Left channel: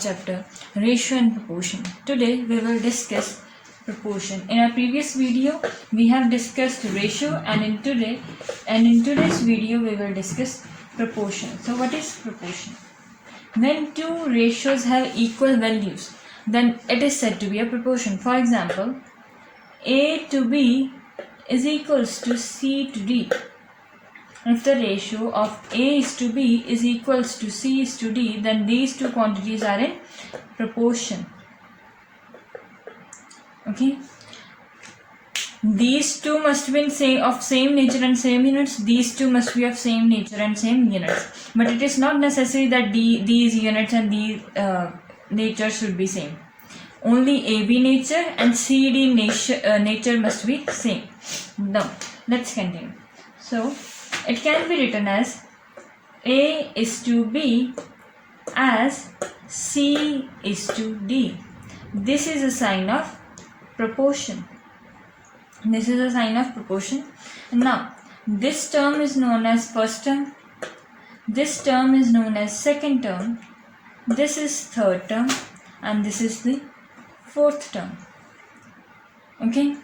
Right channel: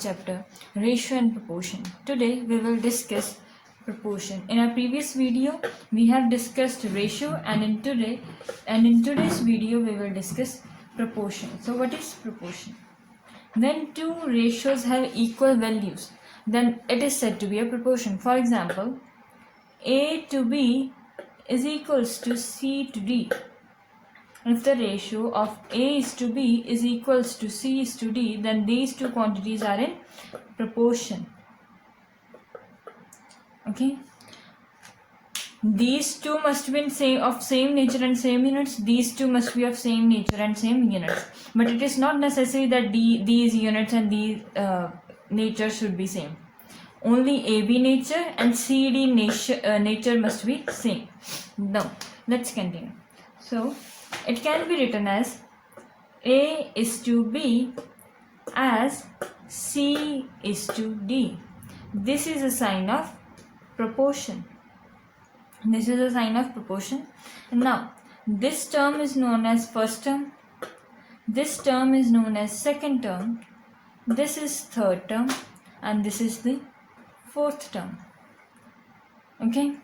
chapter Ratio and Proportion. Today we will discuss proportion. In our previous video we have discussed ratio, and in today's video we will discuss proportion. So what is proportion? When two ratios have equal values, then it is said to be a proportion. For example, A to B is equals to C to D. If the ratio of A is to B is equals to C is to D, then these two quantities are in proportion. Okay. These two must be of same nature and same units. These two must be of same nature and same units. But it is not necessary that these units and these nature should be same. Only AB nature and CD nature must be same. Now let's continue. So it can be written as A is to B as C is to D. This is a sign of proportion. This is a sign of proportion. Now this term is known as first term. This term is known as second term. This is third term, and this is the fourth term. Okay.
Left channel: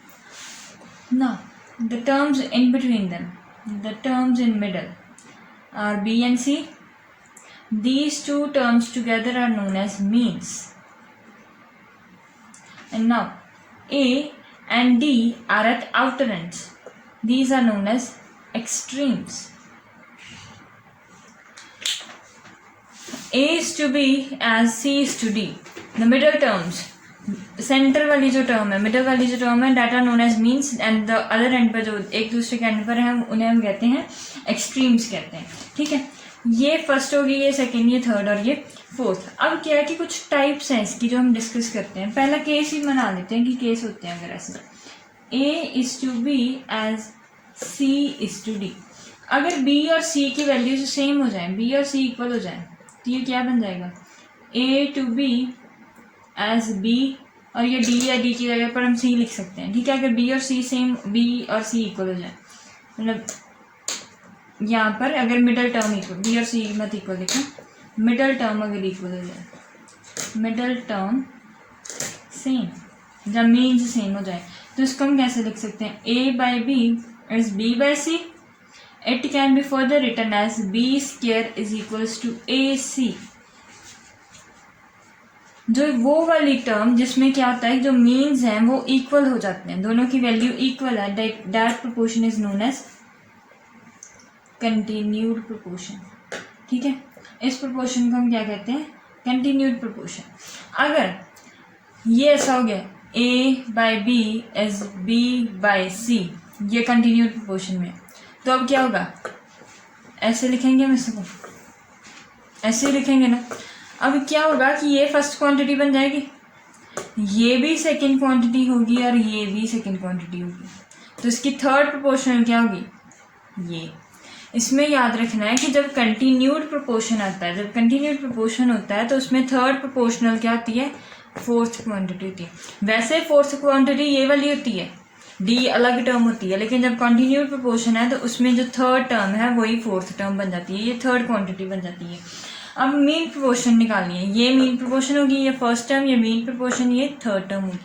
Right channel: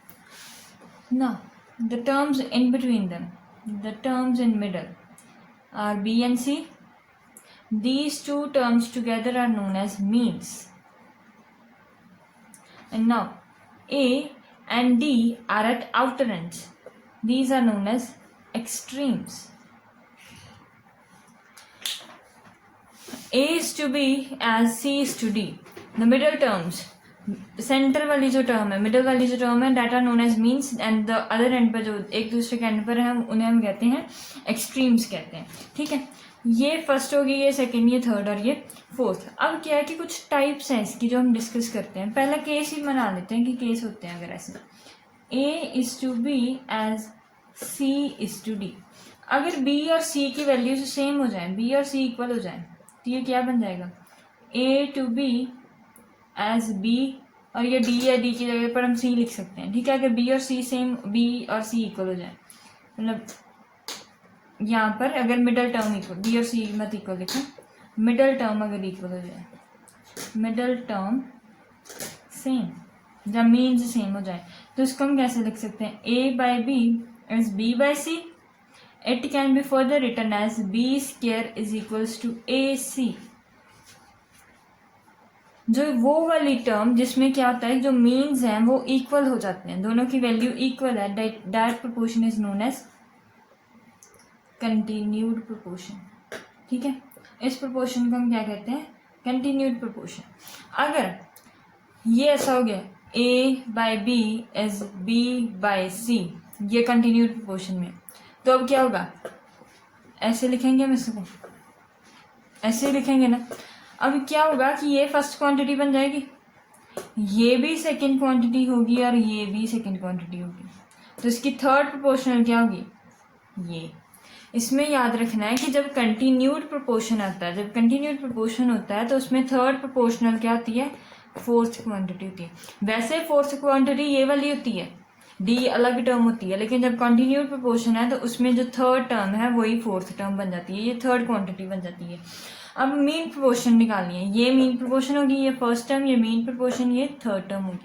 Now the terms in between them, the terms in middle are B and C. These two terms together are known as means. And now A and D are at outer ends. These are known as extremes. A is to B as C is to D. The middle terms, centre वाली जो term है, middle वाली जो term है, that are known as means, and the other end पर जो एक दूसरे के एंड पर है उन्हें हम कहते हैं एक्सट्रीम्स कहते हैं. ठीक है, ये फर्स्ट होगी, ये सेकेंड, ये थर्ड और ये फोर्थ. अब क्या है कि कुछ टाइप्स हैं इसकी जो हम डिस्कस करते हैं. पहला केस ही बना लेते हैं कि केस होते हैं अगर ऐसे A is to B as C is to D. अगर B और C की वैल्यूज सेम हो जाए, B और C इक्वल हो जाए, तो ये क्या बन जाएगा A to B as B, और ये D या D की जगह पर हम C लिख सकते हैं. ठीक है, अगर B और C सेम, B और C इक्वल हो जाए, मतलब यहाँ पर अगर मिडल टर्म इक्वल, B और C मत इक्वल लिखो, मिडल टर्म अगर इक्वल हो जाए, मिडल टर्म सेम, जब मीन्स सेम हो जाए, तो इसको हम कैसे लिख सकते हैं? A by B is B by C. It can be further written as B square is equals to AC. जो वो वाली टर्म जिसमें क्या होता है, जो मीन्स हैं वो इक्वल हो जाते हैं, दोनों की वैल्यू इक्वल है, that proportion is known as continued proportion. ठीक है, इस प्रोपोर्शन को हम क्या कहते हैं? Continued proportion. अगर ये ऐसा हो गया A by B as B by C, ये कंटिन्यूड प्रोपोर्शन में, तो अब क्या होगा? ऐसे लिखेंगे हम इसको, ऐसे लिखेंगे ना. अब क्या होगा कि ये फर्स्ट क्वांटिटी बन जाएगी, ये भी सेकंड क्वांटिटी होगी और ये भी सेकंड क्वांटिटी होगी, तो इसकी थर्ड प्रोपोर्शनल क्या होगी? ये. इसमें याद रखना है कि जब कंटिन्यूड प्रोपोर्शन आता है, जब कंटिन्यूड प्रोपोर्शन होता है तो उसमें थर्ड प्रोपोर्शनल क्या होती है? फोर्थ क्वांटिटी होती है. वैसे फोर्थ क्वांटिटी ये वाली होती है, डी अलग टर्म होती है, लेकिन जब कंटिन्यूड प्रोपोर्शन है तो उसमें जो थर्ड टर्म है वही फोर्थ टर्म बन जाती है, ये थर्ड क्वांटिटी बन जाती है. अब मीन प्रोपोर्शन निकालनी है, ये मीन प्रोपोर्शन होगी, ये फर्स्ट टर्म, ये मीन प्रोपोर्शन, ये थर्ड टर्म होगी.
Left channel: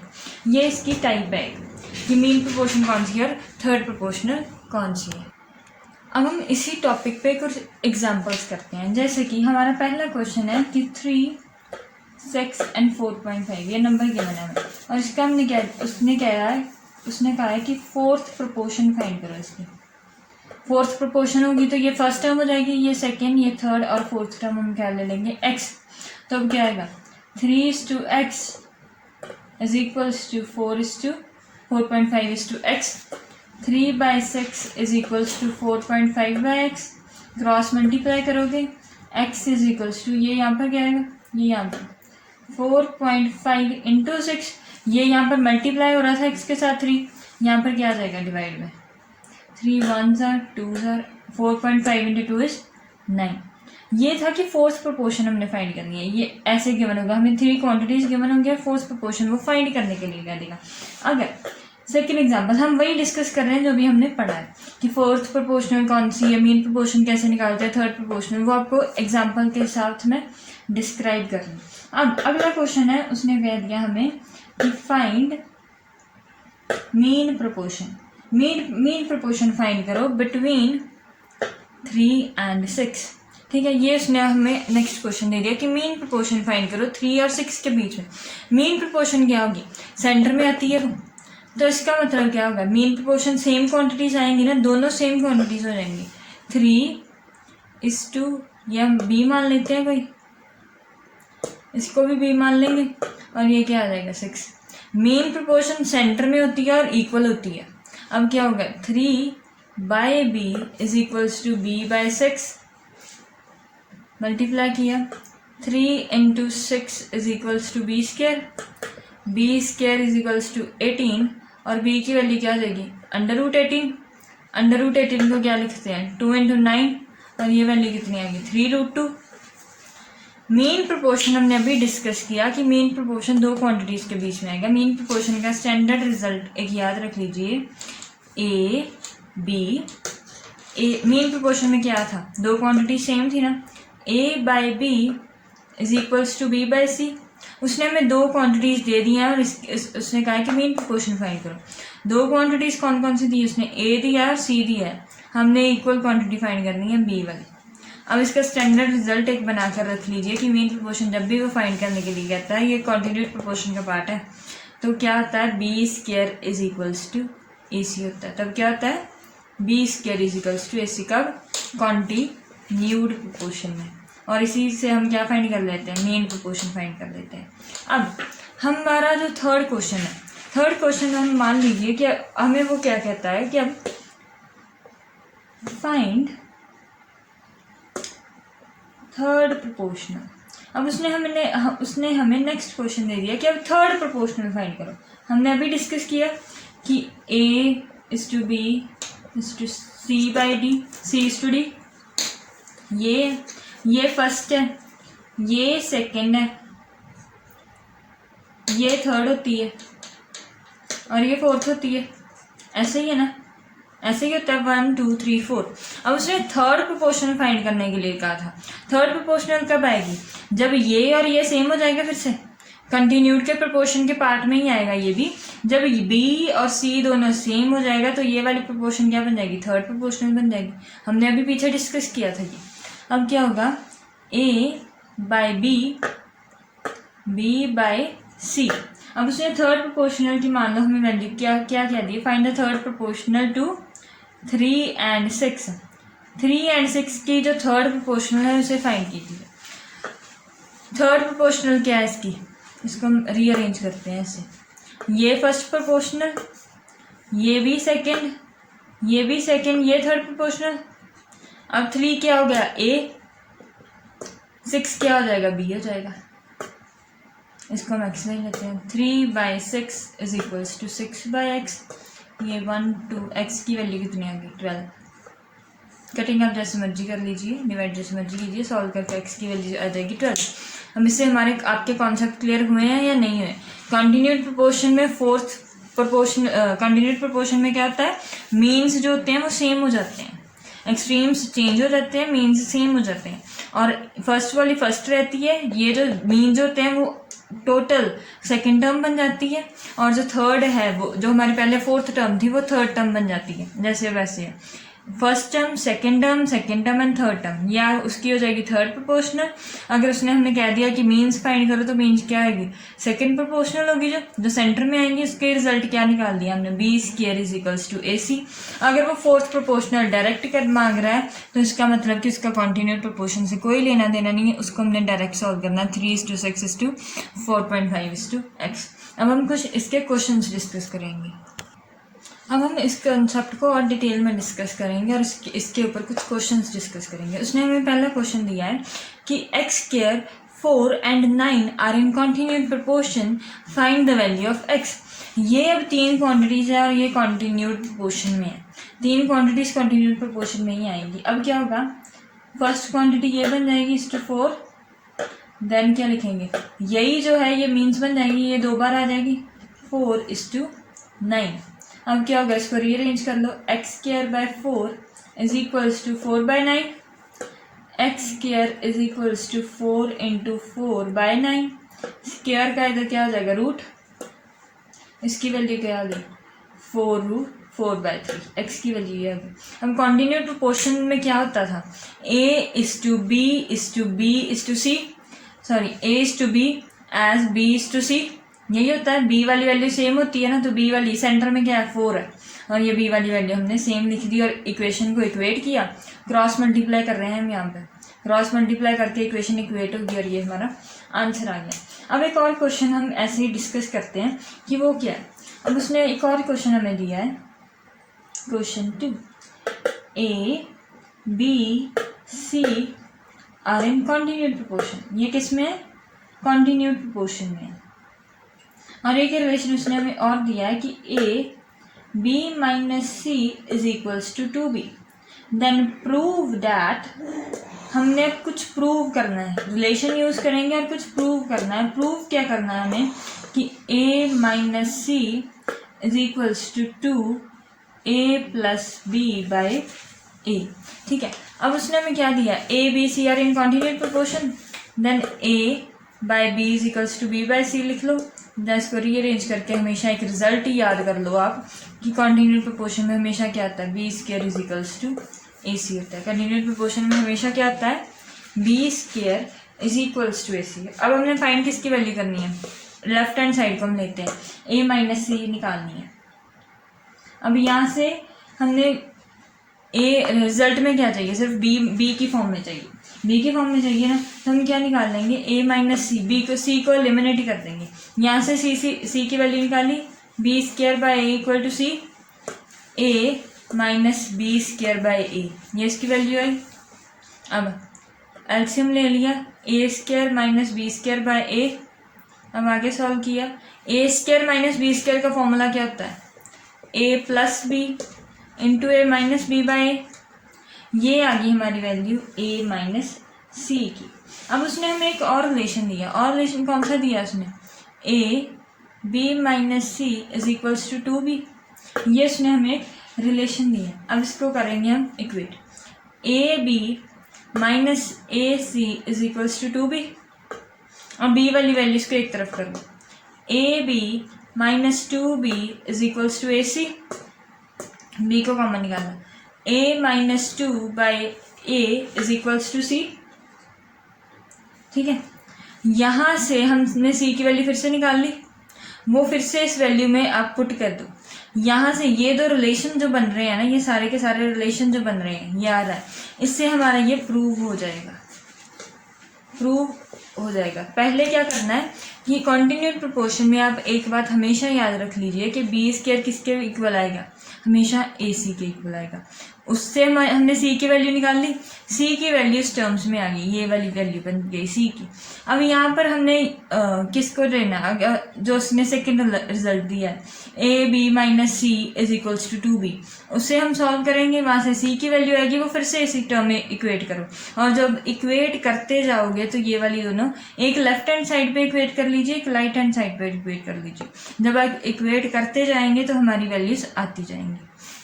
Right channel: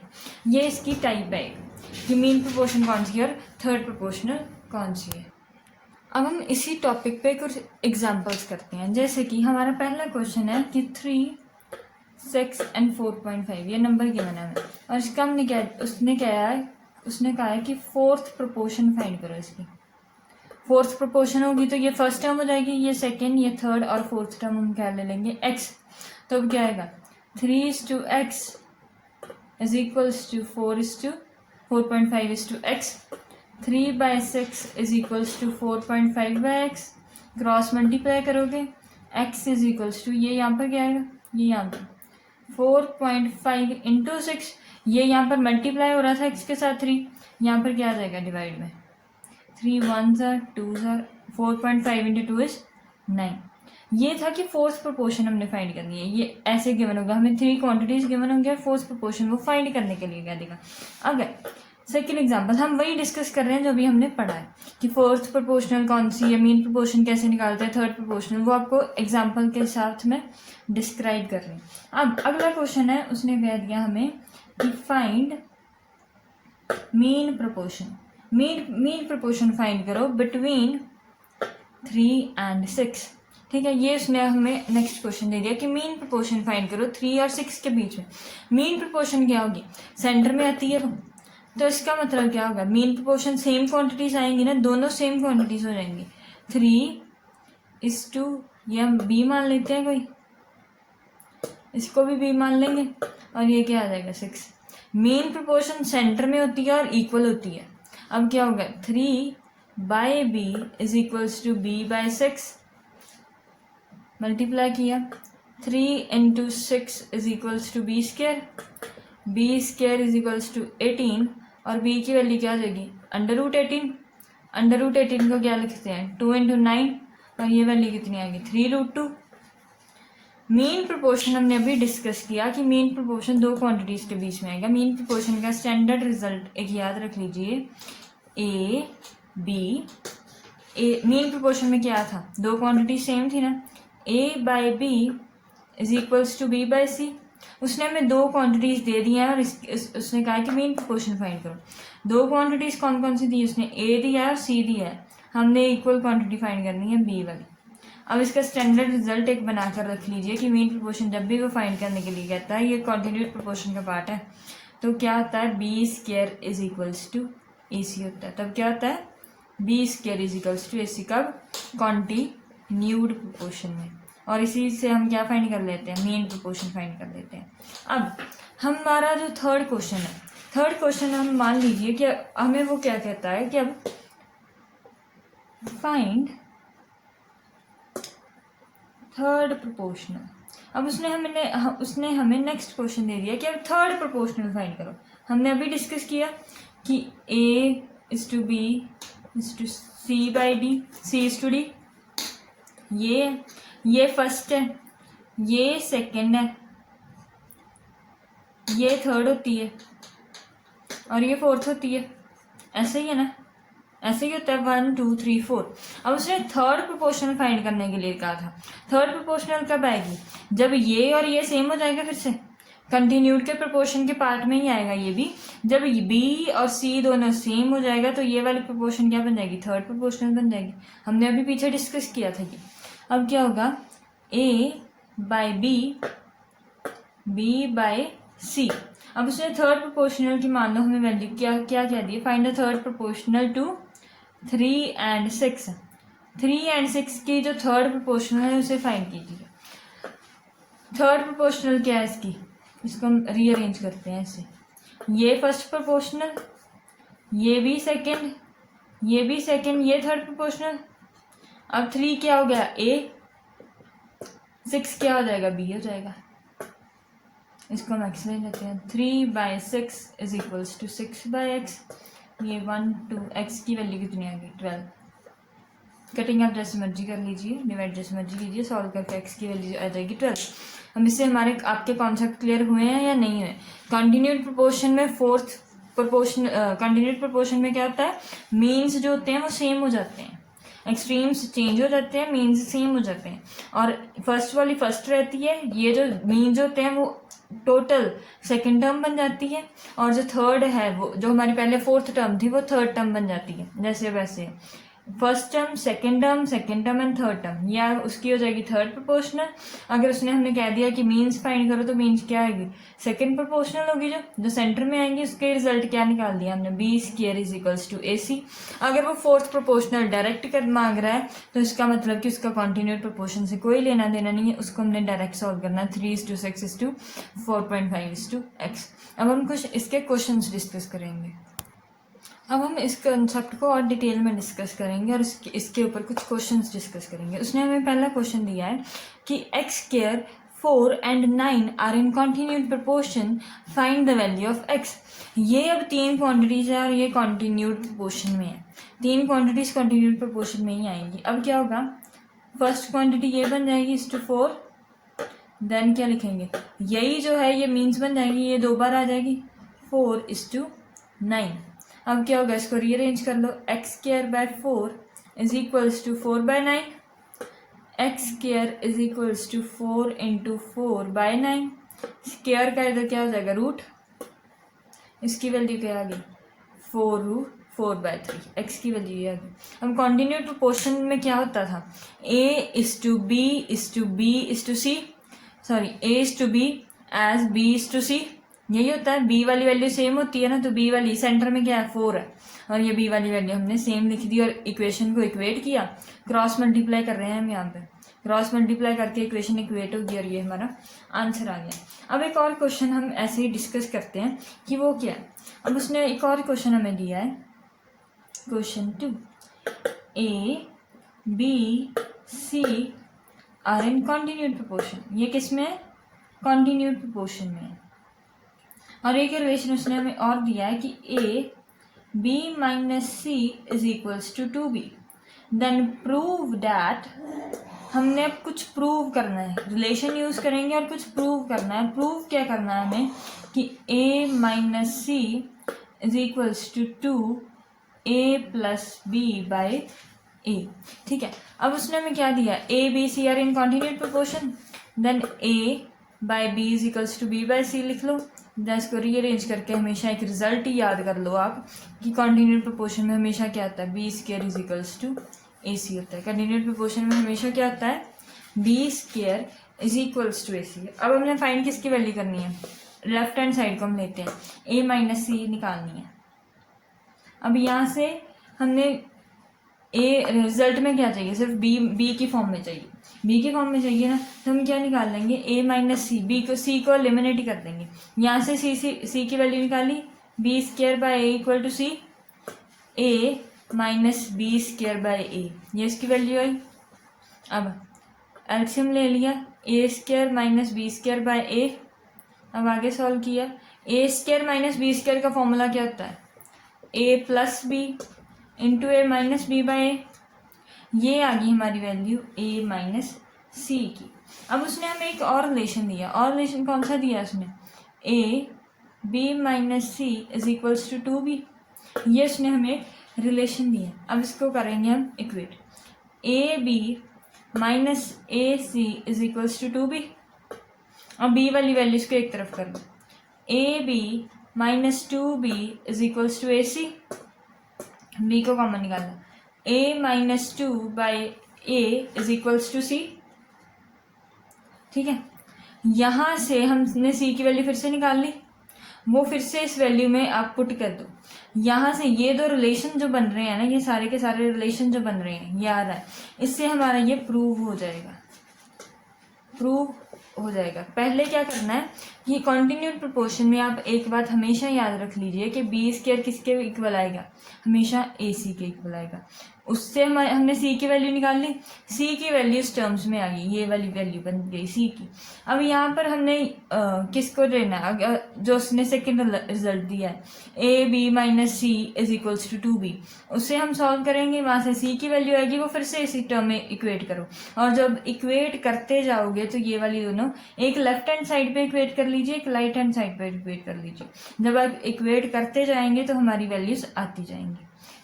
ये इसकी टाइप है कि मीन प्रोपोर्शन कौन सी है और थर्ड प्रोपोर्शनल कौन सी है. अब हम इसी टॉपिक पे कुछ एग्जांपल्स करते हैं. जैसे कि हमारा पहला क्वेश्चन है कि 3, 6 and 4.5 ये नंबर गिवन है हमें, और इसका हमने उसने कहा है कि फोर्थ प्रोपोर्शन फाइंड करो. इसकी फोर्थ प्रोपोर्शन होगी तो ये फर्स्ट टर्म हो जाएगी, ये सेकेंड, ये थर्ड, और फोर्थ टर्म हम क्या ले लेंगे? x. तो अब क्या आएगा? 3:x is equals to 4:4.5:x. 3/6 is equals to 4.5/x. Cross multiply करोगे, x इज इक्वल्स टू, ये यहाँ पर क्या आएगा? ये यहाँ पर 4.5 इंटू 6, ये यहाँ पर मल्टीप्लाई हो रहा था x के साथ 3, यहाँ पर क्या आ जाएगा? डिवाइड में 3 1s are 2s are 4.5 into 2 is 9. ये था कि फोर्थ प्रोपोर्शन हमने फाइंड करनी है. ये ऐसे गिवन होगा, हमें 3 क्वांटिटीज गिवन होंगे, फोर्थ प्रोपोर्शन वो फाइंड करने के लिए क्या देगा. अगर सेकेंड एग्जाम्पल, हम वही डिस्कस कर रहे हैं जो अभी हमने पढ़ा है कि फोर्थ प्रोपोर्शनल कौन सी है, मीन प्रोपोर्शन कैसे निकालते हैं, थर्ड प्रोपोर्शनल, वो आपको एग्जाम्पल के हिसाब से मैं डिस्क्राइब कर रही हूँ। अब अगला क्वेश्चन है, उसने कह दिया हमें कि find mean proportion, mean proportion find करो बिटवीन 3 and 6। ठीक है, ये उसने हमें नेक्स्ट क्वेश्चन दे दिया कि मीन प्रोपोर्शन फाइंड करो 3 और 6 के बीच में। मीन प्रोपोर्शन क्या होगी, सेंटर में आती है तो इसका मतलब क्या होगा, मीन प्रोपोर्शन सेम क्वांटिटीज आएंगी ना, दोनों सेम क्वांटिटीज हो जाएंगी। 3:2 ये हम बी मान लेते हैं भाई, इसको भी बी मान लेंगे, और ये क्या आ जाएगा 6। मीन प्रोपोर्शन सेंटर में होती है और इक्वल होती है। अब क्या होगा, 3/b is equals to b/6, multiply किया, 3 × 6 is equals to b², b² is equals to 18, और b की वैल्यू क्या आ जाएगी, √18। √18 को क्या लिखते हैं, 2 × 9, और ये वैल्यू कितनी आएगी, 3√2। मीन प्रोपोर्शन हमने अभी डिस्कस किया कि मीन प्रोपोर्शन दो क्वांटिटीज के बीच में आएगा। मीन प्रोपोर्शन का स्टैंडर्ड रिजल्ट एक याद रख लीजिए, ए बी। मीन प्रोपोर्शन में क्या था, दो क्वांटिटी सेम थी ना, a/b is equals to b/c। उसने हमें दो क्वांटिटीज दे दी हैं और उसने कहा है कि मीन प्रोपोर्शन फाइंड करो। दो क्वांटिटीज कौन कौन सी दी, उसने a दिया है और c दिया है, हमने इक्वल क्वांटिटी फाइंड करनी है b वाली। अब इसका स्टैंडर्ड रिजल्ट एक बनाकर रख लीजिए कि मीन प्रोपोर्शन जब भी वो फाइंड करने के लिए कहता है, ये कॉन्टिन्यूट प्रोपोर्शन का पार्ट है, तो क्या होता है, b² is equals to ac होता है। तब क्या होता है, b² is equals to ac, कब, कॉन्टिन्यूड प्रोपोर्शन में। और इसी से हम क्या फाइंड कर लेते हैं, मेन प्रोपोर्शन फाइंड कर लेते हैं। अब हमारा जो थर्ड क्वेश्चन है, थर्ड क्वेश्चन हम मान लीजिए कि हमें वो क्या कहता है कि अब फाइंड थर्ड प्रोपोर्शनल। अब उसने हमें नेक्स्ट क्वेश्चन दे दिया कि अब थर्ड प्रोपोर्शनल फाइंड करो। हमने अभी डिस्कस किया कि a/b = c/d, c/d, ये फर्स्ट है, ये सेकंड है, ये थर्ड होती है और ये फोर्थ होती है। ऐसे ही है ना, ऐसे ही होता है 1 2 3 4। अब उसने थर्ड प्रोपोर्शनल फाइंड करने के लिए कहा था। थर्ड प्रोपोर्शनल कब आएगी, जब ये और ये सेम हो जाएगा, फिर से कंटिन्यूड के प्रोपोर्शन के पार्ट में ही आएगा ये भी। जब b और c दोनों सेम हो जाएगा तो ये वाली प्रोपोर्शन क्या बन जाएगी, थर्ड प्रोपोर्शनल बन जाएगी। हमने अभी पीछे डिस्कस किया था ये। अब क्या होगा, a/b b/c। अब उसने थर्ड प्रोपोर्शनल की मान लो हमें वैल्यू क्या दी, find the third proportional to 3 and 6। 3 and 6 की जो थर्ड प्रोपोर्शनल है उसे फाइंड कीजिए। थर्ड प्रोपोर्शनल क्या है इसकी, इसको हम रीअरेंज करते हैं ऐसे, ये फर्स्ट प्रोपोर्शनल, ये भी सेकंड, ये भी सेकंड, ये थर्ड प्रोपोर्शनल। अब 3 क्या हो गया, a, 6 क्या हो जाएगा, b हो जाएगा। इसको हम x ले लेते हैं, 3/6 इज इक्वल्स टू 6/x। ये 1 2 x की वैल्यू कितनी आ गई, 12। कटिंग आप जैसे मर्जी कर लीजिए, डिवाइड जैसे मर्जी कीजिए, सॉल्व करके x की वैल्यू आ जाएगी 12। हम इससे हमारे आपके कॉन्सेप्ट क्लियर हुए हैं या नहीं हुए। कंटिन्यूड प्रोपोर्शन में फोर्थ प्रोपोर्शन, कंटिन्यूड प्रोपोर्शन में क्या होता है, मीन्स जो होते हैं वो सेम हो जाते हैं, एक्सट्रीम्स चेंज हो जाते हैं, मीन्स सेम हो जाते हैं, और फर्स्ट वाली फर्स्ट रहती है, ये जो मीन्स होते हैं वो टोटल सेकंड टर्म बन जाती है, और जो थर्ड है वो जो हमारी पहले फोर्थ टर्म थी वो थर्ड टर्म बन जाती है। जैसे वैसे first term, second term and third term, या उसकी हो जाएगी थर्ड प्रोपोर्शनल। अगर उसने हमें कह दिया कि मीन्स फाइंड करो तो मीन्स क्या आएगी, सेकंड प्रोपोर्शनल होगी, जो सेंटर में आएंगी। उसके रिजल्ट क्या निकाल दिया हमने, b² is equals to ac। अगर वो फोर्थ प्रोपोर्शनल डायरेक्ट कर मांग रहा है तो इसका मतलब कि उसका कॉन्टिन्यूड प्रोपोर्शन से कोई लेना देना नहीं है, उसको हमने डायरेक्ट सॉल्व करना है, 3:6:4.5:x। अब हम कुछ इसके क्वेश्चन डिस्कस करेंगे। अब हम इस कंसेप्ट को और डिटेल में डिस्कस करेंगे और इसके ऊपर कुछ क्वेश्चंस डिस्कस करेंगे। उसने हमें पहला क्वेश्चन दिया है कि x², 4 and 9 are in continued proportion, find the value of x। ये अब तीन क्वांटिटीज है और ये कॉन्टिन्यूड प्रोपोर्शन में है, तीन क्वांटिटीज कॉन्टिन्यूड प्रोपोर्शन में ही आएंगी। अब क्या होगा, फर्स्ट क्वांटिटी ये बन जाएगी 4, देन क्या लिखेंगे, यही जो है ये मीन्स बन जाएगी, ये 2 बार आ जाएगी 4:9। अब क्या होगा, इसको रीअरेंज कर लो। X square by 4 is equals to 4/9, x square is equals to 4 into 4/9, square का इधर क्या आ जाएगा, रूट, इसकी वैल्यू क्या आ गई 4√4/3, एक्स की वैल्यू ये आ गई। हम कॉन्टिन्यूड प्रोपोर्शन में क्या होता था, a is to b is to b is to c, sorry a is to B as b is to c, यही होता है। b वाली वैल्यू सेम होती है ना, तो b वाली सेंटर में क्या है 4 है, और ये b वाली वैल्यू हमने सेम लिख दी और इक्वेशन को इक्वेट किया। क्रॉस मल्टीप्लाई कर रहे हैं हम यहाँ पे, क्रॉस मल्टीप्लाई करके इक्वेशन इक्वेट होगी और ये हमारा आंसर आ गया। अब एक और क्वेश्चन हम ऐसे ही डिस्कस करते हैं कि वो क्या है। अब उसने एक और क्वेश्चन हमें दिया है, question 2, a b c are in continued proportion. ये किस में है, कॉन्टिन्यूड प्रोपोर्शन में। और एक रिलेशन उसने हमें और दिया है कि a b minus c is equals to 2b, then prove that, हमने अब कुछ प्रूव करना है, रिलेशन यूज करेंगे और कुछ प्रूव करना है। प्रूव क्या करना है हमें कि a minus C is equals to 2a plus b by a, ठीक है। अब उसने हमें क्या दिया, a b c are in continued proportion, then a by b is equals to b by c लिख लो। देन इसको रीअरेंज करके हमेशा एक रिजल्ट ही याद कर लो आप कि कॉन्टिन्यूड प्रोपोर्शन में हमेशा क्या आता है, b square is equals to AC होता है। कॉन्टिन्यूड प्रोपोर्शन में हमेशा क्या आता है, b square is equals to AC। अब हमने फाइंड किसकी वैल्यू करनी है, लेफ्ट हैंड साइड को हम लेते हैं, a माइनस सी निकालनी है। अब यहाँ से हमने a रिजल्ट में क्या चाहिए, सिर्फ b की फॉर्म में चाहिए, b की फॉर्म में चाहिए ना, तो हम क्या निकाल लेंगे, a माइनस सी, c को एलिमिनेट ही कर देंगे। यहाँ से c की वैल्यू निकाली, b square by a equal to c, a minus B square by a, ये इसकी वैल्यू आई। अब एलसीएम ले लिया, a square minus B square by a. अब आगे सॉल्व किया, a square minus B square का फॉर्मूला क्या होता है, a plus b into a minus b by a. ये आ गई हमारी वैल्यू ए माइनस सी की। अब उसने हमें एक और रिलेशन दिया, और रिलेशन कौन सा दिया उसने, A B minus C is equals to 2b, ये उसने हमें रिलेशन दिया। अब इसको करेंगे हम equate, a B minus a c is equals to 2b। अब बी वाली वैल्यूज को एक तरफ कर लो, a B minus 2b is equals to a c, b को कॉमन निकालना, a minus 2 by a is equals to c, ठीक है। यहाँ से हमने सी की वैल्यू फिर से निकाल ली, वो फिर से इस वैल्यू में आप पुट कर दो। यहाँ से ये दो रिलेशन जो बन रहे हैं ना, ये सारे के सारे रिलेशन जो बन रहे हैं ये आ रहा है, इससे हमारा ये प्रूव हो जाएगा, प्रूव हो जाएगा। पहले क्या करना है कि कॉन्टिन्यूड प्रोपोर्शन में आप एक बात हमेशा याद रख लीजिए कि बी स्क्वायर किसके इक्वल आएगा, हमेशा ए सी के इक्वल आएगा। उससे हमने सी की वैल्यू निकाल ली, सी की वैल्यू इस टर्म्स में आ गई, ये वाली वैल्यू बन गई सी की। अब यहाँ पर हमने किसको लेना, जो उसने सेकेंड रिजल्ट दिया है, A B minus C is equals to 2b, उससे हम सॉल्व करेंगे, वहाँ से सी की वैल्यू आएगी, वो फिर से इसी टर्म में इक्वेट करो। और जब इक्वेट करते जाओगे तो ये वाली दोनों, एक लेफ्ट हैंड साइड पे इक्वेट कर लीजिए, एक राइट हैंड साइड पे इक्वेट कर लीजिए। जब आप इक्वेट करते जाएंगे तो हमारी वैल्यूज आती जाएंगी,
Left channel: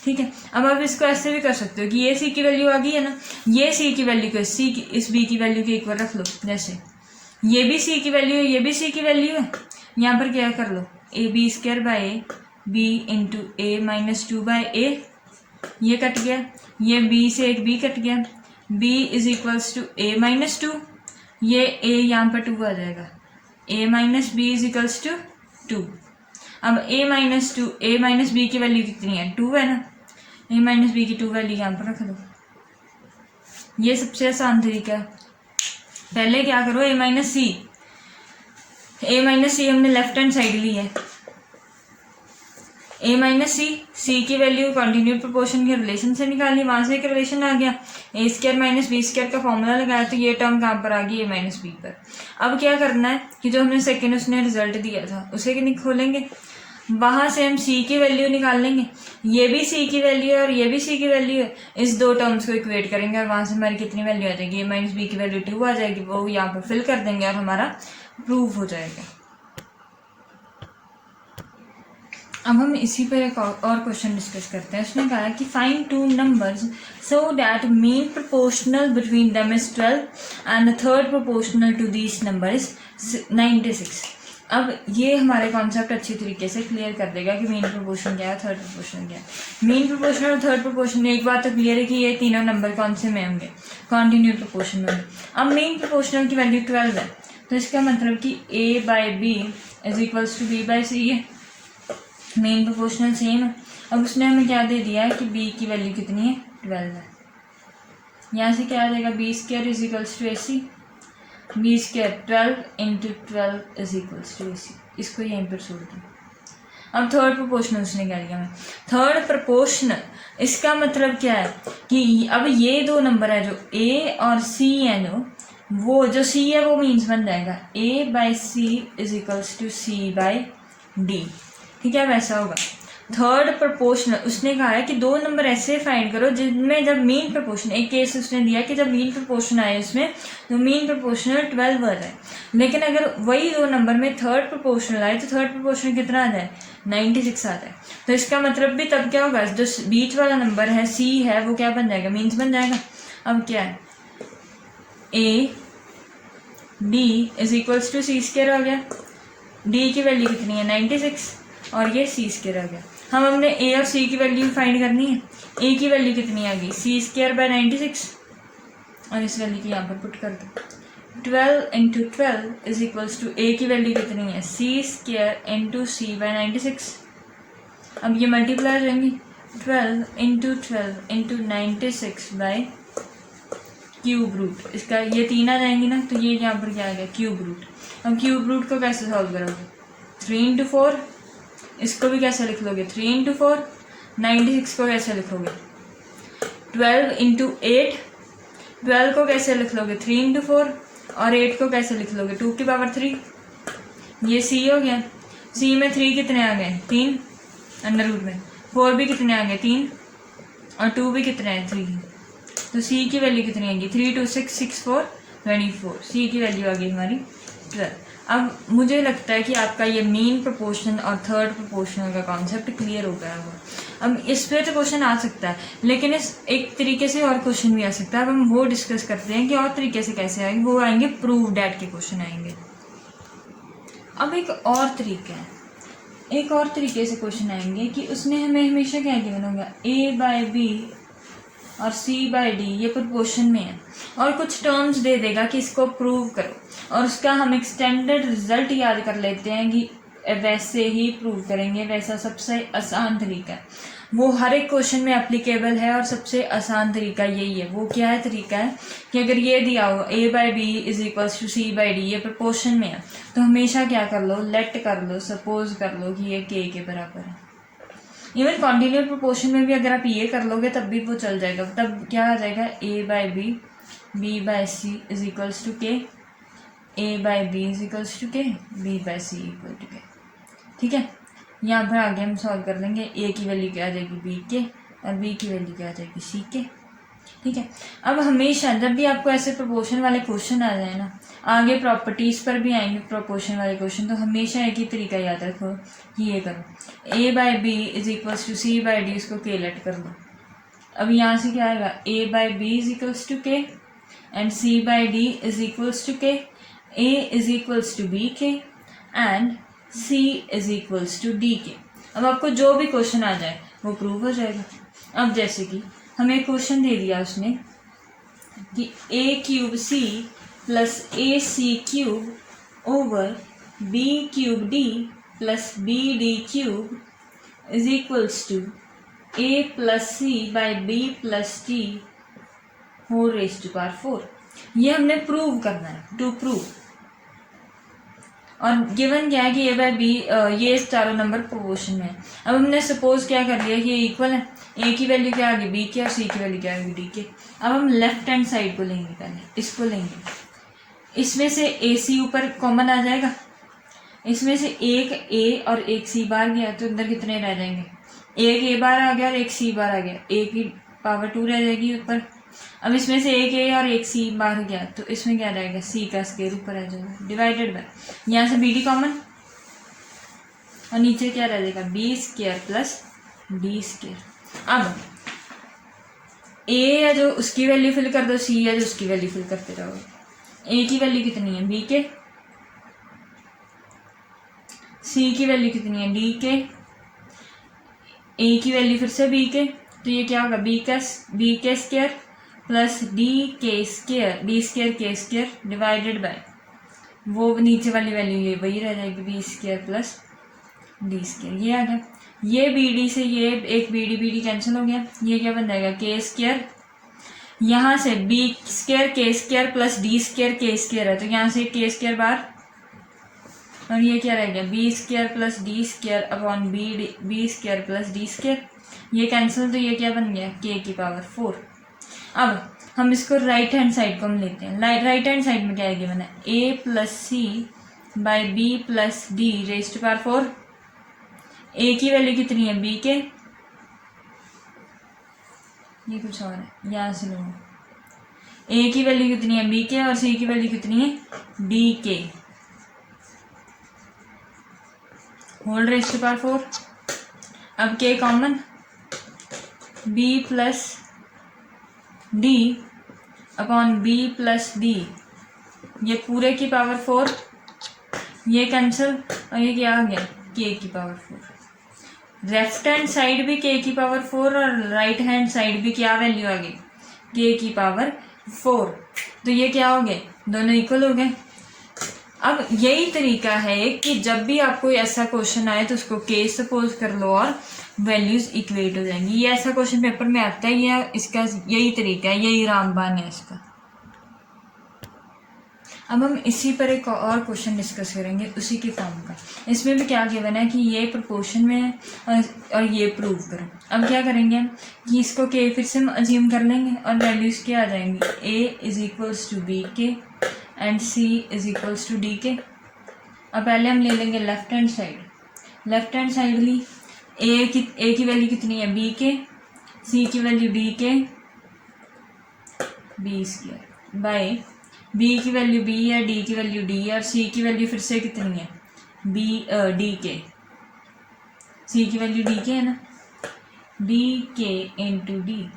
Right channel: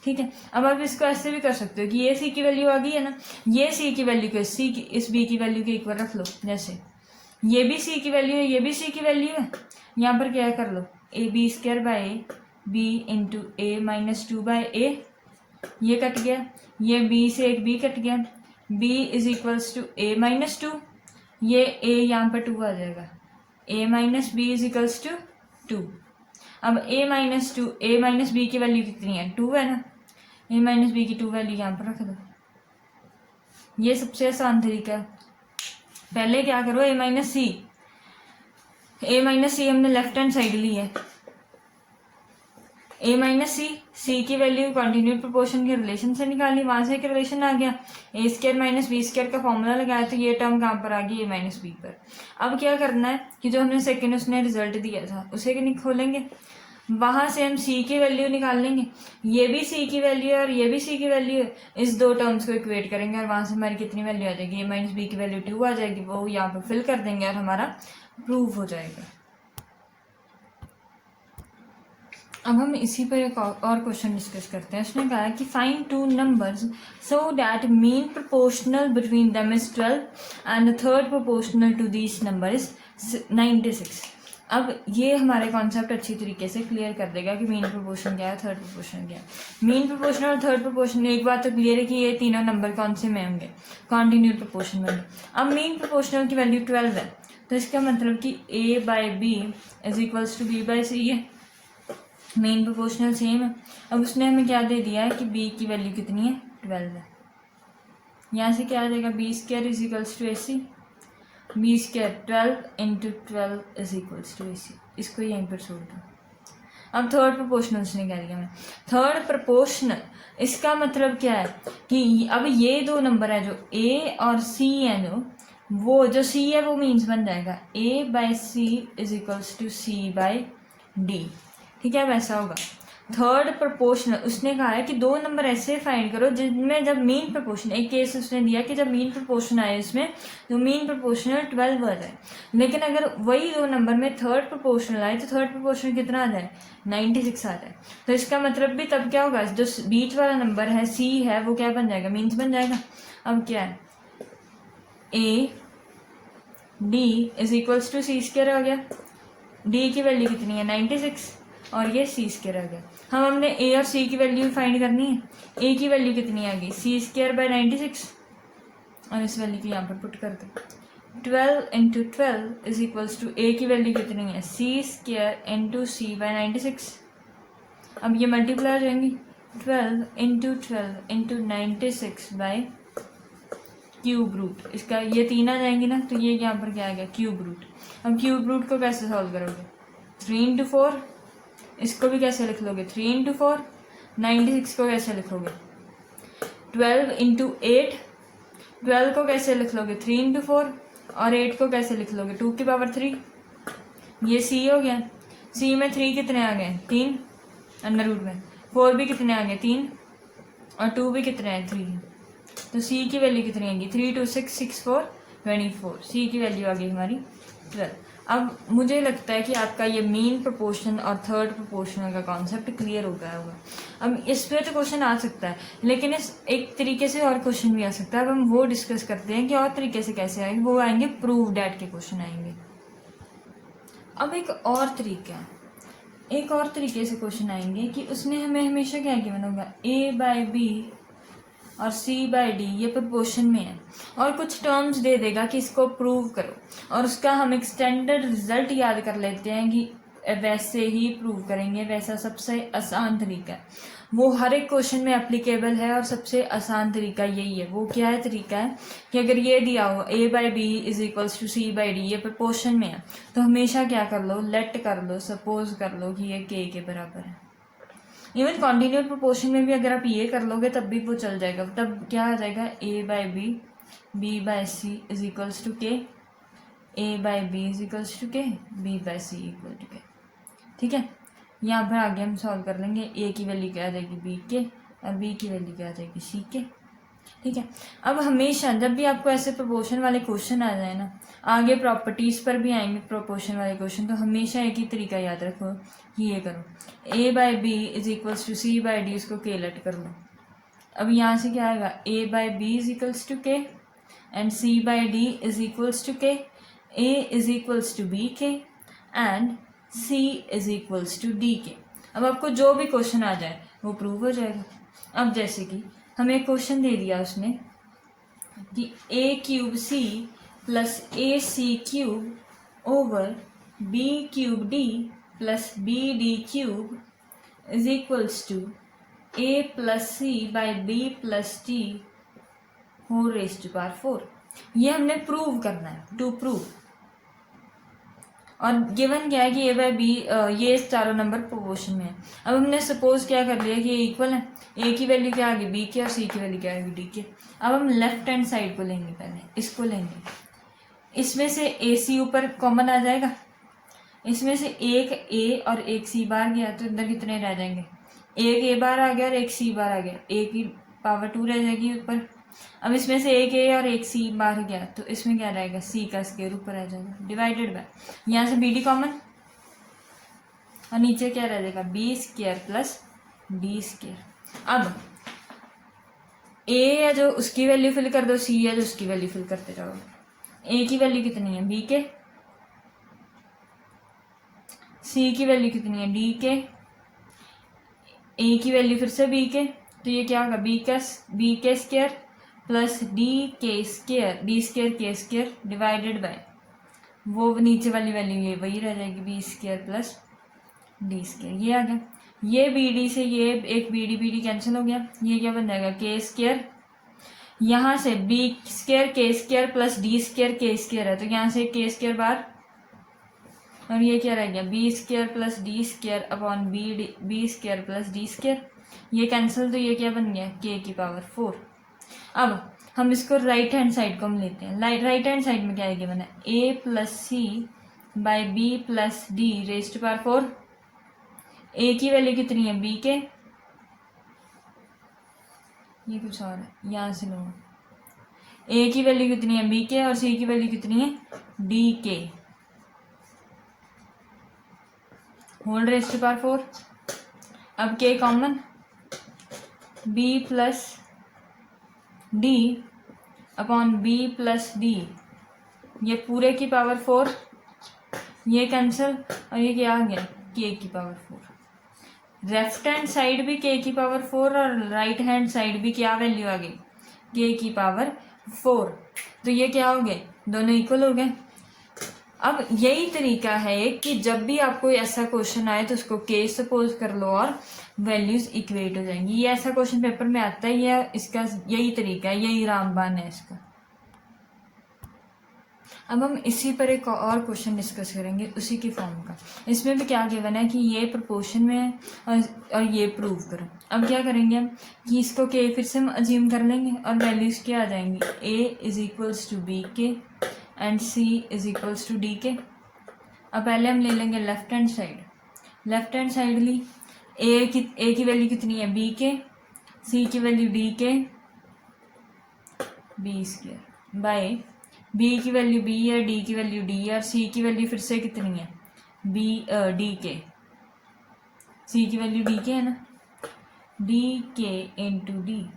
ठीक है। अब आप इसको ऐसे भी कर सकते हो कि ये सी की वैल्यू आ गई है ना, ये सी की वैल्यू को इस बी की वैल्यू के इक्वल रख लो, जैसे ये भी सी की वैल्यू है, ये भी सी की वैल्यू है। यहाँ पर क्या कर लो, a b square by b into a minus 2 by a, ये कट गया, ये बी से एक बी कट गया, b is equals to a minus 2, ये ए यहाँ पर 2 आ जाएगा, a minus b is equals to 2। अब ए माइनस बी की वैल्यू कितनी है, 2 है ना, ए माइनस बी की 2 वैल्यू यहाँ पर रख दो। ये सबसे आसान तरीका है। पहले क्या करो, ए माइनस सी हमने लेफ्ट हैंड साइड ली है, ए माइनस सी की वैल्यू कॉन्टिन्यूड प्रोपोर्शन के रिलेशन से निकाली, वहां से एक रिलेशन आ गया, ए स्क्वायर माइनस बी स्क्वायर का फॉर्मूला लगाया, तो ये टर्म कहाँ पर आ गई, ए माइनस बी पर। अब क्या करना है कि जो हमने सेकेंड उसने रिजल्ट दिया था उसे खोलेंगे, वहां से हम सी की वैल्यू निकाल लेंगे, ये भी सी की वैल्यू है और ये भी सी की वैल्यू है, इस दो टर्म्स को इक्वेट करेंगे और वहां से हमारी कितनी वैल्यू आ जाएगी, ए माइनस बी की वैल्यू 2 आ जाएगी, वो यहाँ पर फिल कर देंगे और हमारा प्रूव हो जाएगा। अब हम इसी पर एक और क्वेश्चन डिस्कस करते हैं। उसने कहा है कि find two numbers so that mean proportional between them is 12 and the third proportional to this number is 96। अब ये हमारे कॉन्सेप्ट अच्छी तरीके से क्लियर कर देगा कि मीन प्रोपोर्शन क्या है, थर्ड प्रोपोर्शन क्या है। मीन प्रोपोर्शन और थर्ड प्रोपोर्शन में एक बात तो क्लियर है कि ये तीनों नंबर कौन से में होंगे, कॉन्टिन्यूड प्रोपोर्शन में होंगे। अब मीन प्रोपोर्शनल की वैल्यू 12 है, तो इसका मतलब कि a by B is equals to b by c है। मेन प्रोपोर्शनल सेम है। अब उसने हमें क्या दे दिया है कि b की वैल्यू कितनी है, 12 है। यहाँ से क्या आ जाएगा, B square is equals to AC, B square 12 into 12 is equals to AC। इसको यहीं पर छोड़ दो। अब थर्ड प्रोपोर्शनल उसने क्या दिया हमें, थर्ड प्रोपोर्शनल, इसका मतलब क्या है कि अब ये दो नंबर है जो A और C है, वो जो C है वो मीन्स बन जाएगा A by C is equals to C by D. ठीक है, वैसा होगा। थर्ड प्रोपोर्शनल उसने कहा है कि दो नंबर ऐसे फाइंड करो जिनमें जब मीन प्रोपोर्शन, एक केस उसने दिया कि जब मीन प्रोपोर्शन आए उसमें तो मीन प्रोपोर्शनल 12 आ जाए, लेकिन अगर वही दो नंबर में थर्ड प्रोपोर्शनल आए तो थर्ड प्रोपोर्शनल कितना आ जाए, 96 आ जाए। तो इसका मतलब भी तब क्या होगा, जो बीच वाला नंबर है C है वो क्या बन जाएगा, मीन्स बन जाएगा। अब क्या है, A D is equals to C square आ गया, D की वैल्यू कितनी है 96 और ये C स्क्वायर आ गया। हम हमने A और C की वैल्यू फाइंड करनी है। A की वैल्यू कितनी आ गई, C स्क्वायर बाई 96 और इस वैल्यू को यहाँ पर पुट कर दो। 12 into 12 is equals to A की वैल्यू कितनी है, C square into C by 96। अब ये मल्टीप्लाई हो जाएंगी, 12 इंटू 96 बाई क्यूब रूट, इसका ये तीन आ जाएंगी ना, तो ये यहाँ पर क्या आ गया, क्यूब रूट। अब क्यूब रूट को कैसे सॉल्व करोगे, 3 इंटू 4, इसको भी कैसे लिख लोगे 3 इंटू 4, 96 को कैसे लिखोगे 12 इंटू 8, 12 को कैसे लिख लोगे 3 इंटू 4 और 8 को कैसे लिख लोगे 2 की पावर 3। ये C हो गया, C में 3 कितने आ गए 3 अंडर रूट में, 4 भी कितने आ गए 3 और 2 भी कितने हैं 3, तो C की वैल्यू कितनी आएगी 3 2 6 6 4 24, C की वैल्यू आ गई हमारी 12। अब मुझे लगता है कि आपका ये मीन प्रोपोर्शन और थर्ड प्रोपोर्शनल का कॉन्सेप्ट क्लियर हो गया होगा। अब इस पर तो क्वेश्चन आ सकता है, लेकिन इस एक तरीके से और क्वेश्चन भी आ सकता है। अब हम वो डिस्कस करते हैं कि और तरीके से कैसे आएंगे, वो आएंगे प्रूव डैट के क्वेश्चन आएंगे। अब एक और तरीका है, एक और तरीके से क्वेश्चन आएंगे कि उसने हमें हमेशा क्या गिवन होगा, A बाई बी और C बाई डी ये प्रोपोर्शन में है और कुछ टर्म्स दे देगा कि इसको प्रूव करो, और उसका हम एक्सटेंडेड रिजल्ट याद कर लेते हैं कि वैसे ही प्रूव करेंगे। वैसा सबसे आसान तरीका है, वो हर एक क्वेश्चन में एप्लीकेबल है और सबसे आसान तरीका यही है। वो क्या है तरीका है कि अगर ये दिया हो A by B is equals to C by D, ये प्रोपोर्शन में है, तो हमेशा क्या कर लो, लेट कर लो, सपोज कर लो कि ये K के बराबर है। इवन कॉन्टिन्यूअस प्रोपोर्शन में भी अगर आप ये कर लोगे तब भी वो चल जाएगा। तब क्या आ जाएगा, A by B, B by C is equals to के, A by B is equals to K, B by C equal to K. ठीक है, यहाँ पर आगे हम सॉल्व कर लेंगे। A की वैल्यू क्या आ जाएगी B के और B की वैल्यू क्या आ जाएगी C के। ठीक है, अब हमेशा जब भी आपको ऐसे प्रोपोर्शन वाले क्वेश्चन आ जाए ना, आगे प्रॉपर्टीज़ पर भी आएंगे प्रोपोर्शन वाले क्वेश्चन, तो हमेशा एक ही तरीका याद रखो कि ये करो, A by B is equals to C by D, इसको के लेट कर लो। अब यहाँ से क्या आएगा, A by B is equals to k and C by d is equals to के, A is equals to B के and C is equals to D के। अब आपको जो भी क्वेश्चन आ जाए वो प्रूव हो जाएगा। अब जैसे कि हमें क्वेश्चन दे दिया उसने कि A cube C plus AC cube over B cube D plus BD cube is equals to A plus C by B plus D whole raised to power 4। ये हमने प्रूव करना है, टू प्रूव। और given क्या है कि A by B ये चारों नंबर प्रोपोर्शन में है। अब हमने सपोज क्या कर लिया कि ये इक्वल है, A की वैल्यू क्या आ गई B की और C की वैल्यू क्या आ गई D के। अब हम लेफ्ट हैंड साइड को लेंगे, पहले इसको लेंगे, इसमें से AC ऊपर कॉमन आ जाएगा, इसमें से एक A और एक C बाहर गया तो अंदर कितने रह जाएंगे, एक A बाहर आ गया और एक C बाहर आ गया, A की पावर 2 रह जाएगी ऊपर। अब इसमें से एक A और एक C बाहर गया तो इसमें क्या रहेगा, C का स्क्वायर ऊपर आ जाएगा डिवाइडेड बाय, यहाँ से BD कॉमन, और नीचे क्या रह जाएगा B square plus D square. अब ए है जो उसकी वैल्यू फिल कर दो, सी है जो उसकी वैल्यू फिल करते जाओ। ए की वैल्यू कितनी है बी के, सी की वैल्यू कितनी है डी के, ए की वैल्यू फिर से बी के, तो ये क्या होगा बी के स्क्वायर प्लस डी स्क्वायर के स्क्वायर डिवाइडेड बाय वो नीचे वाली वैल्यू ये वही रह जाएगी B square plus D square. ये आ गया, ये बी डी से ये एक बी डी कैंसिल हो गया, ये क्या बन जाएगा के स्क्वायर, यहाँ से बी स्क्वायर के स्क्वायर प्लस डी स्क्वायर के स्क्वायर है तो यहाँ से के स्क्वायर बार, और ये क्या रह गया B square plus D square upon B square plus D square, ये कैंसिल तो ये क्या बन गया के की पावर 4। अब हम इसको राइट हैंड साइड को हम लेते हैं, राइट हैंड साइड में क्या है गिवन है a plus c by b plus d raise to power 4। ए की वैल्यू कितनी है बी के, ये कुछ और है यहाँ से लो, ए की वैल्यू कितनी है बी के और सी की वैल्यू कितनी है डी के होल रेज़ टू पावर 4। अब K common, B plus D upon B plus D, ये पूरे की पावर 4, ये कैंसिल और ये क्या आ गया के की पावर 4। लेफ्ट हैंड साइड भी के की पावर 4 और राइट हैंड साइड भी क्या वैल्यू आ गई के की पावर 4, तो ये क्या हो गए दोनों इक्वल हो गए। अब यही तरीका है कि जब भी आपको ऐसा क्वेश्चन आए तो उसको के सपोज कर लो और वैल्यूज इक्वेट हो जाएंगी। ये ऐसा क्वेश्चन पेपर में आता है, ये इसका यही तरीका है, यही रामबान है इसका। अब हम इसी पर एक और क्वेश्चन डिस्कस करेंगे उसी के फॉर्म का। इसमें भी क्या गिवन है कि ये प्रोपोर्शन में है और ये प्रूव करो। अब क्या करेंगे हम कि इसको के फिर से हम अज्यूम कर लेंगे और वैल्यूज़ क्या आ जाएंगी A is equals to B के and C is equals to D के। अब पहले हम ले लेंगे लेफ्ट हैंड साइड ली ए की वैल्यू कितनी है बी के, सी की value D K B square by B की वैल्यू बी है, डी की वैल्यू डी है और सी की वैल्यू फिर से कितनी है डी के, सी की वैल्यू डी के है ना, डी के इंटू डी,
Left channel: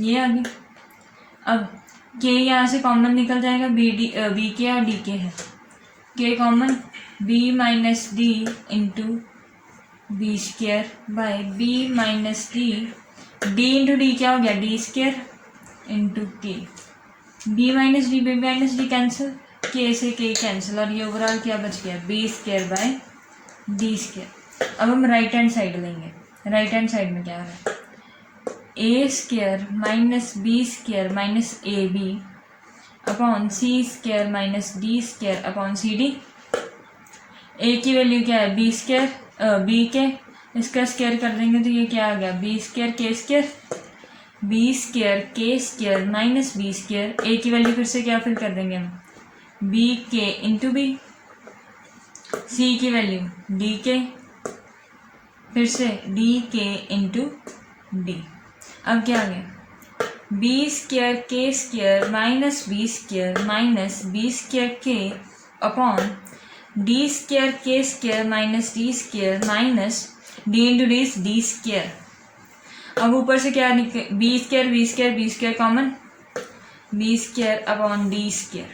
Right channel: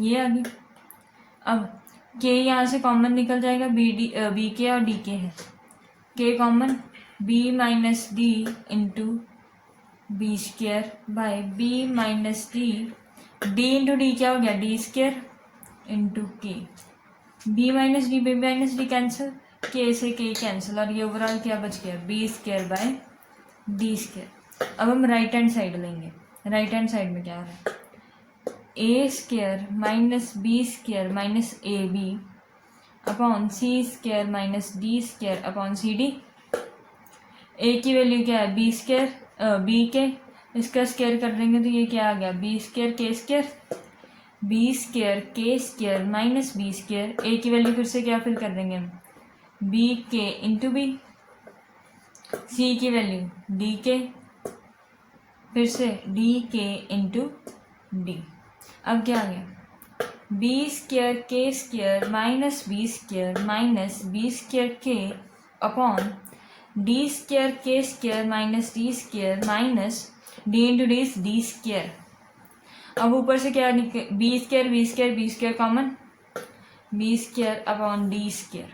ये आ गई। अब के यहाँ से कॉमन निकल जाएगा, बी के और डी के है, K common B minus D into B square by B minus D into D क्या हो गया D square into K, B minus D cancel, K से के कैंसिल और ये ओवरऑल क्या बच गया B square by d square. अब हम राइट हैंड साइड लेंगे, राइट हैंड साइड में क्या आ रहा है a square minus B square minus a b upon c square minus d square upon c d. A की वैल्यू क्या है बी स्क्वायर बी के, इसका स्क्वायर कर देंगे तो ये क्या आ गया बी स्क्वायर के स्क्वायर माइनस बी स्क्वायर। ए की वैल्यू फिर से क्या फिल कर देंगे हम बी के इंटू बी, सी की वैल्यू डी के फिर से डी के इंटू डी। अब क्या आ गया B square K minus B square K upon D square K minus D into D square. अब ऊपर से क्या निकले B square common, B square upon D square,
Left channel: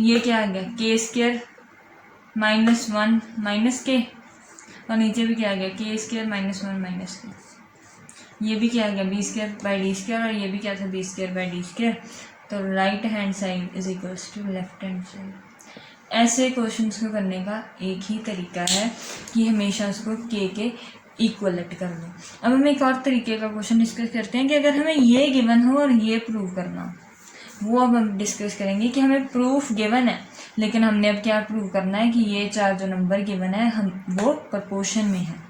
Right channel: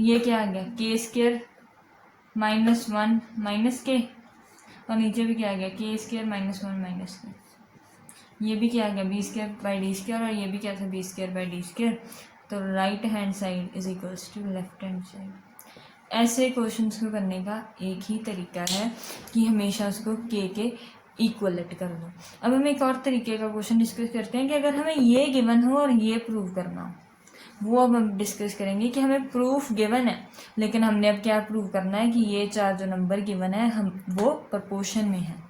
ये क्या आ गया के स्क्वायर माइनस 1 माइनस के और नीचे भी क्या आ गया के स्क्वायर माइनस 1 माइनस के, ये भी क्या आ गया B square by d square और ये भी क्या था b square by d square. तो right hand side is equals to left hand side. ऐसे क्वेश्चंस को करने का एक ही तरीका है कि हमेशा उसको के इक्वलेट कर लो। अब हम एक और तरीके का क्वेश्चन डिस्कस करते हैं कि अगर हमें ये गिवन हो और ये प्रूव करना, वो अब हम डिस्कस करेंगे कि हमें प्रूफ गिवन है लेकिन हमने अब क्या प्रूव करना है कि ये चार जो नंबर गिवन है हम वो प्रपोर्शन में है।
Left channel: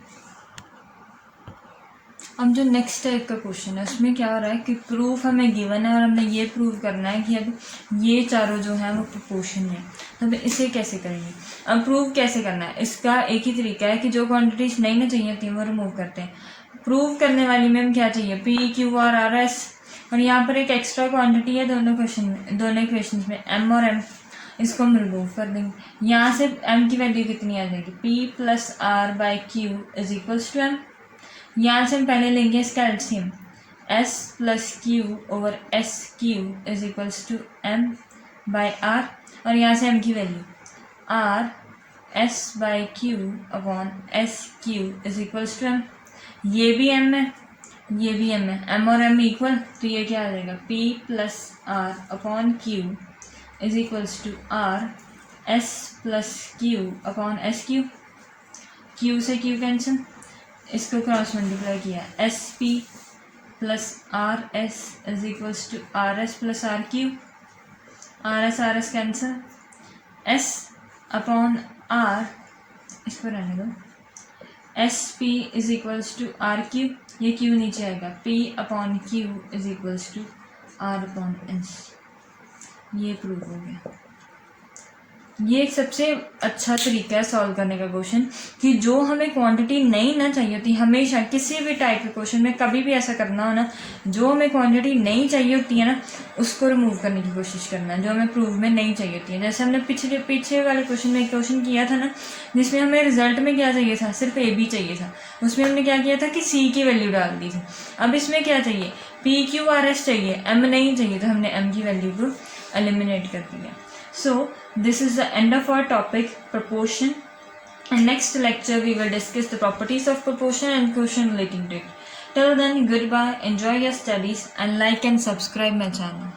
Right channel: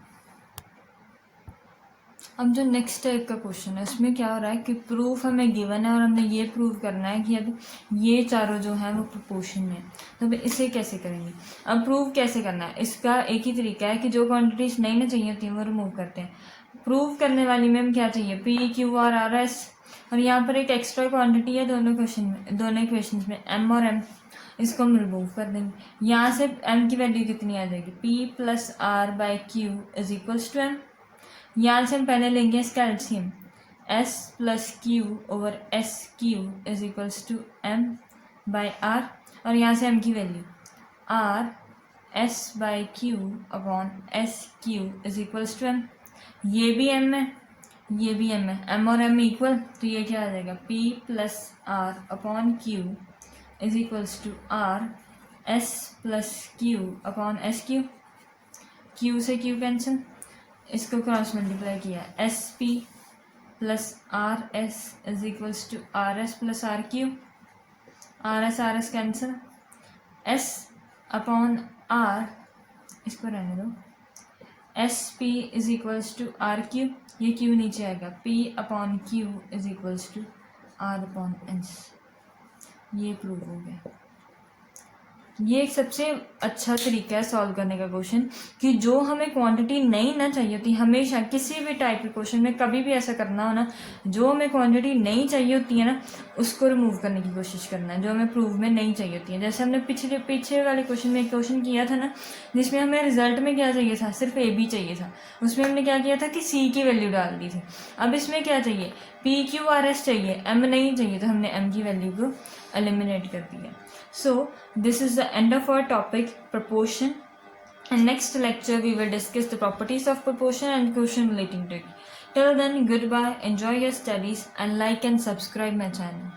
अब जो नेक्स्ट टाइप का क्वेश्चन है उसमें क्या हो रहा है कि प्रूफ हमें गिवन है और हमने ये प्रूव करना है कि अब ये चारों जो हैं वो प्रोपोर्शन में है। तो अब इसे कैसे करेंगे, अब प्रूव कैसे करना है, इसका एक ही तरीका है कि जो क्वांटिटीज नहीं ना चाहिए होती वो रिमूव करते हैं। प्रूव करने वाली में हम क्या चाहिए P Q R R S, और यहाँ पर एक एक्स्ट्रा क्वांटिटी है दोनों इक्वेशन में एम और एम, इसको हम रिमूव कर देंगे। यहाँ से m की वैल्यू कितनी आ जाएगी, p plus R by Q is equals to m। यहाँ से हम पहले लेंगे इसका LCM, s plus Q over S Q is equals to m by R, और यहाँ से m की वैल्यू r s by Q upon S Q is equals to m। ये भी m है, ये भी m है, m और m इक्वल, तो ये क्या आ जाएगा, p plus R upon Q is equals to R S plus Q upon S Q. Q से क्यू कैंसिल, इसको क्रॉस मल्टीप्लाई किया, S P plus R S is equals to R S plus R Q, R S cancel, S upon R, इसको रहने दो, S P is equals to R Q, ये Q नीचे आएगा, P upon Q is equals to R upon S. ये prove हो गया। ये एक सबसे अच्छा तरीका है सॉल्व करने का क्वेश्चन, कि जो हमें क्वांटिटी नहीं ना चाहिए होती, हमेशा किसी भी टाइप के क्वेश्चन में कभी भी ऐसा करना हो ना, जो हमें क्वांटिटी नहीं चाहिए होती है ना, उसको रिमूव करने की कोशिश करना, जो हमें प्रूव में नहीं चाहिए होती है। जैसे हमने पीछे वाले क्वेश्चन में एक क्वेश्चन किया था ना, जिसमें हमें रिजल्ट में क्या चाहिए था, सिर्फ ए बी चाहिए था, उसमें हमने क्या किया था कि सी की वैल्यू डाल दी थी। अब इसमें क्या चाहिए, पी क्यू आर एस चाहिए, एम नहीं चाहिए, तो हमने एम की वैल्यू को एलिमिनेट कर दिया। So this is the end of our topic proportion, and next lecture we will discuss the properties of proportion and question relating to it. Till then, goodbye, enjoy your studies and like and subscribe my channel.